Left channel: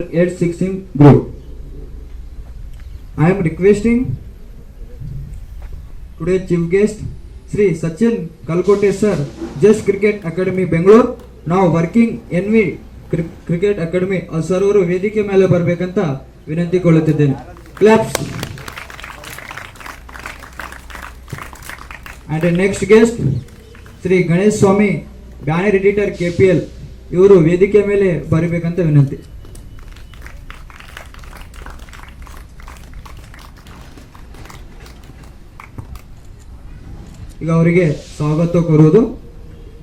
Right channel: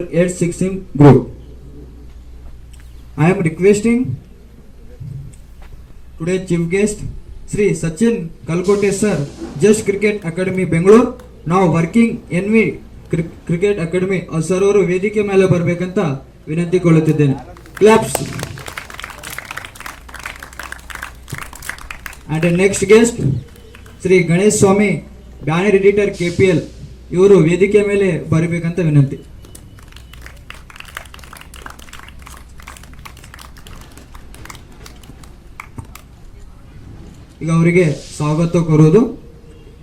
816 group. I am requesting today chief guest Sri Sachin Kalkote sir, Just Cricket Academy Bangalore, now working NV Cricket Academy sir ಅವರು ವೇದಿಕೆ ಮೇಲೆ ಬರಬೇಕಂತ ವಿನಂತಿಕೊಳ್ಳುತ್ತಿದ್ದೇನೆ. Claps. And the next guest Shri Ganesh Swami banner editor KPL ಇವರು ವೇದಿಕೆ ಮೇಲೆ ಬರಬೇಕಂತ ವಿನಂತಿ. ಈಗ ಅವರಿಗೆ ಸ್ವಾಗತ ಕೋರುವುದು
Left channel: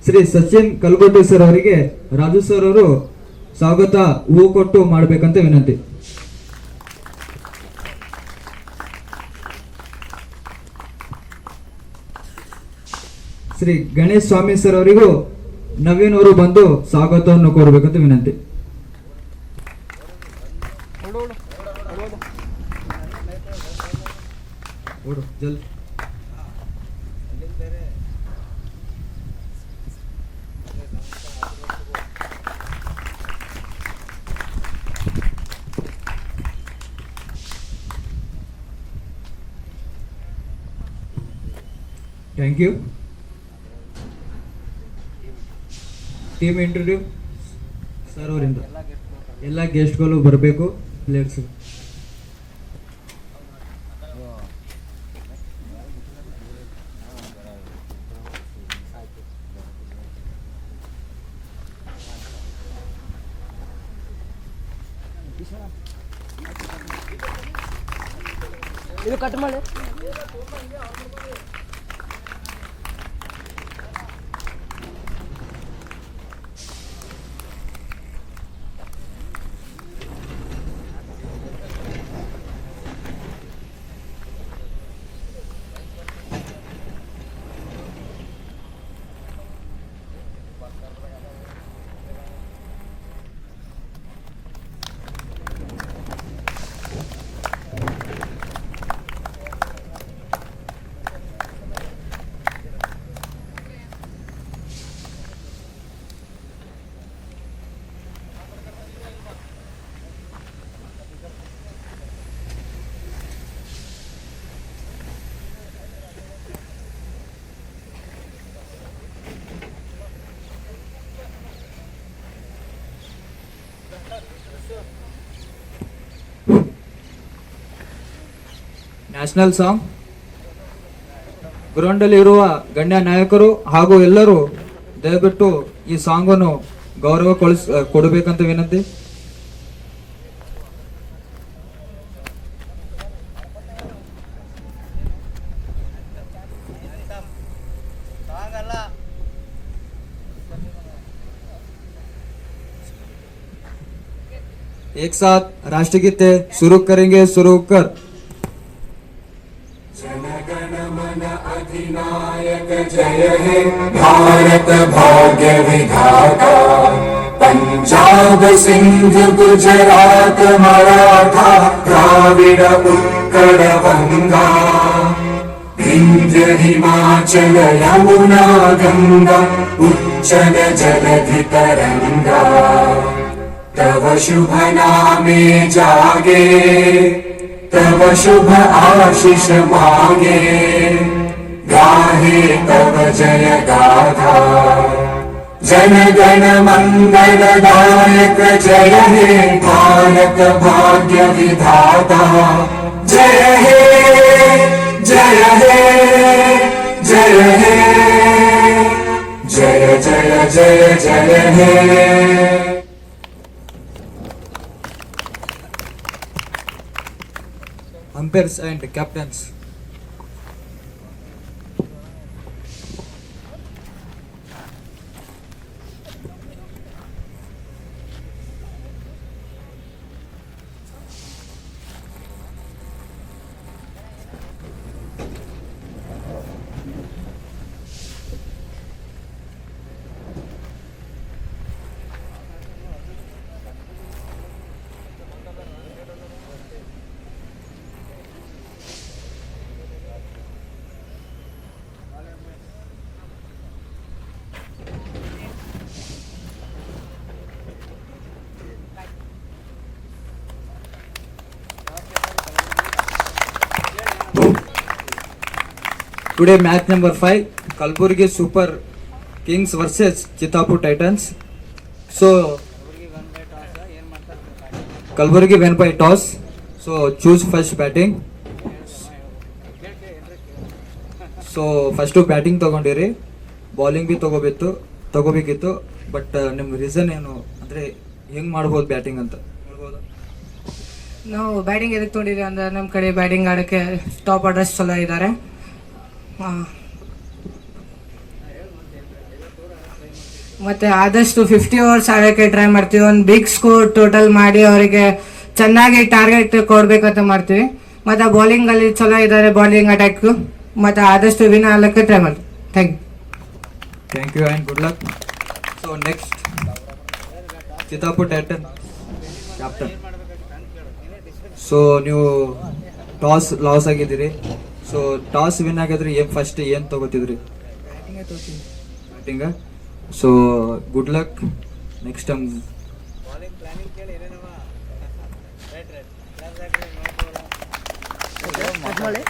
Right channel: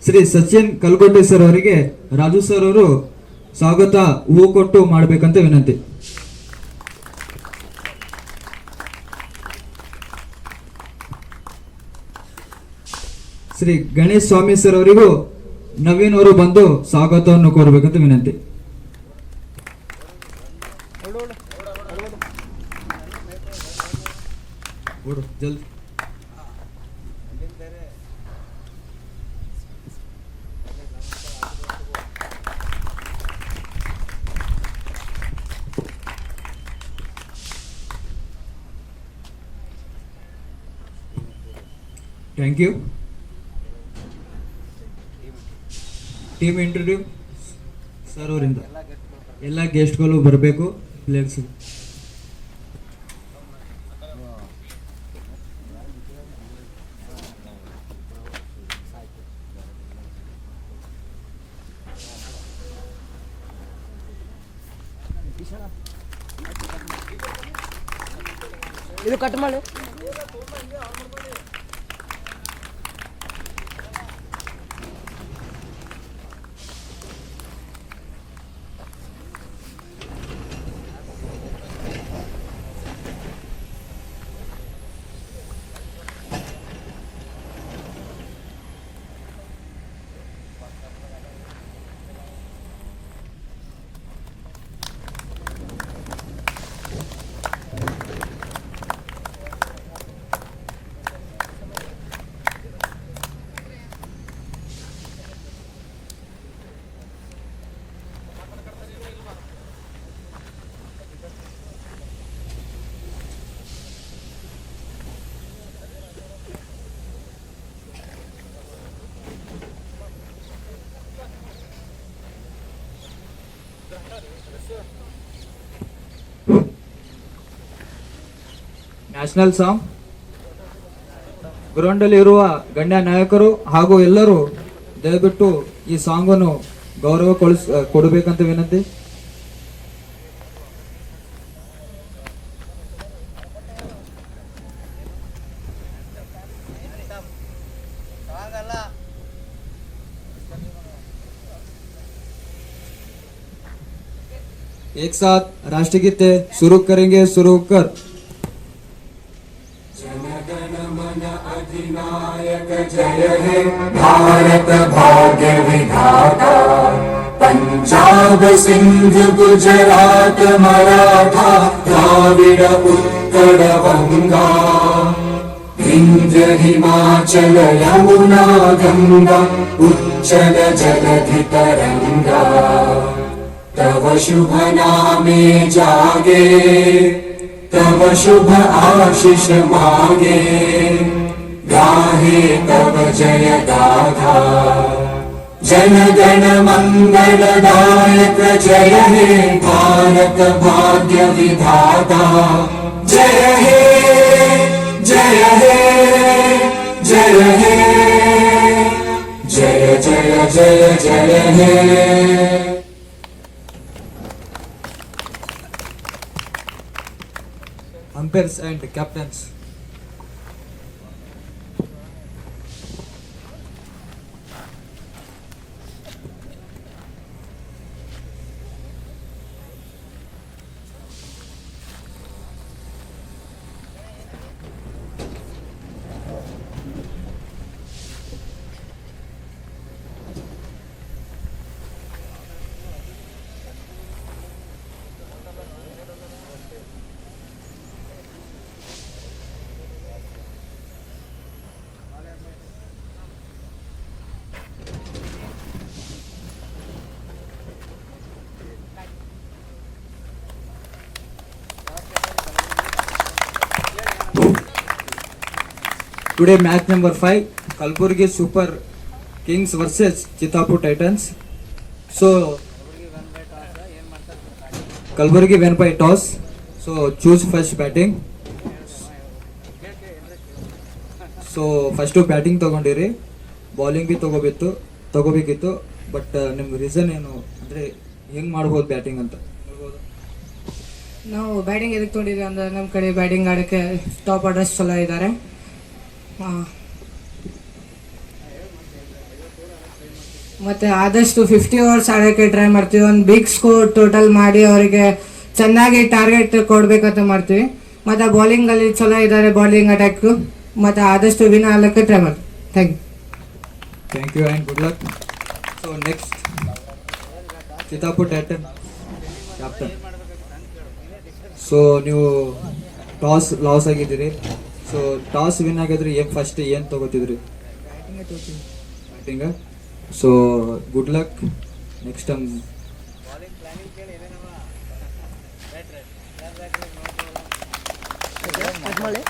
ಶ್ರೀ ಸಚಿನ್ ಕಲ್ಕೋಟೆ ಸರ್ ಅವರಿಗೆ ರಾಜು ಸರ್ ಅವರು ಸ್ವಾಗತ ಹೂ ಕೊಟ್ಟು ಮಾಡಬೇಕಂತ ವಿನಂತಿ. ಶ್ರೀ ಗಣೇಶ್ ಸ್ವಾಮಿ ಸರ್ ಅವರಿಗೂ ನವೀನ್ ಅವರು ಬಂದು ಸ್ವಾಗತವನ್ನು ಕೋರಬೇಕಂತ ವಿನಂತಿ. ಜಲ್ದಿ thank you. Team interview sir ಅವರಿಂದ ಎಲ್ಲ ಗೆಸ್ಟ್ಗಳು ಬರಬೇಕು. ಪ್ಲೇಯರ್ಸ್ ಇದು ಕಟ್ ಮಾಡು. ನ್ಯಾಷನಲ್ ಸಾಂಗ್ ಗ್ರೌಂಡ್ ಅಲ್ಲಿ ಇರುವ ಗಣ್ಯ ನಾಯಕರು ಹಾಗೂ ಎಲ್ಲರೂ ದಯವಿಟ್ಟು ಈ ಸಾಂಗ್ ಅನ್ನು ಗೌರವ ಕೊಡಬೇಕಂತ ವಿನಂತಿ. एक साथ राष्ट्रगीत शुरू करेंगे. शुरू कर. अधिनायक जय हे भारत भाग्य विधाता, पंजाब सिंध गुजरात मराठा द्राविड उत्कल गंगा, विंध्य हिमाचल यमुना गंगा उच्चल जलधि तरंगा, तव शुभ नामे जागे, तव शुभ आशीष मांगे, गाहे तव जय गाथा, जन गण मंगल दायक जय हे भारत भाग्य विधाता, जय हे जय हे जय हे जय जय जय जय हे. Umpires and captains. Today match number 5, Kalburgi Super Kings versus Chitapur Titans. So Kalburgi went by toss. So choose first batting. So first batting ತೊಗೊಂಡಿರಿ, ಬೌಲಿಂಗ್ ಬಿ ತಗೋಬೇಕಿತ್ತು. ಬಟ್ ನಿಮ್ಮ ರೀಸನ್ ಏನು ಅಂದರೆ ಹೆಂಗೆ ಮಾಡ್ಬೋದು ಬ್ಯಾಟಿಂಗ್ ಅಂತ ಹೇಳ್ಬೋದಾ? ನಾವು ಬ್ಯಾಟಿಂಗ್ ಎದಕ್ಕೆ ತೊಗೊಂಡಿದ್ವಿ ಅಂದ್ರೆ ನಮ್ಮ ಕಡೆ ಬ್ಯಾಟಿಂಗ್ ಆಡೋಕ್ಕೆ ಟಾಪ್ ಆರ್ಡರ್ಸ್ ಚಲೋ ಇದ್ದಾರೆ. ಮತ್ತು ಆದಷ್ಟು 50 ಓವರ್ಸ್ ಆಡೋಕ್ಕೆ ಟ್ರೈ ಮಾಡ್ತೀವಿ. ಒಂದು ಬಿಗ್ ಸ್ಕೋರ್ ಟೋಟಲ್ ಮಾಡಿ ಅವರಿಗೆ ಚೆನ್ನಾಗಿ ಟಾರ್ಗೆಟ್ ಕೊಡಬೇಕಂತ ಮಾಡ್ತೀವಿ. ಮತ್ತು ಬೌಲಿಂಗಲ್ಲಿ ಚಲೋ ಇದ್ದಾರೆ, ಬೌಲಿಂಗ್ ಅಟ್ಯಾಕು. ಮತ್ತು ಆದಷ್ಟು ವಿನ್ ಆಗಲಿಕ್ಕೆ ಟ್ರೈ ಮಾಡ್ತೀವಿ. Thank you and good luck. So next Chittapur titan captain. So ನೀವು ಟಾಸ್ ಲಾಸ್ ಆಗಿದ್ದೀರಿ. ಸೊ ಟಾಸ್ ವಿನ್ ಆಗಿದ್ರೆ ಫಸ್ಟ್ ಏನು ತಗೋತಿದ್ರಿ? Batting. So good luck next time. Cut ಮಾಡಿ.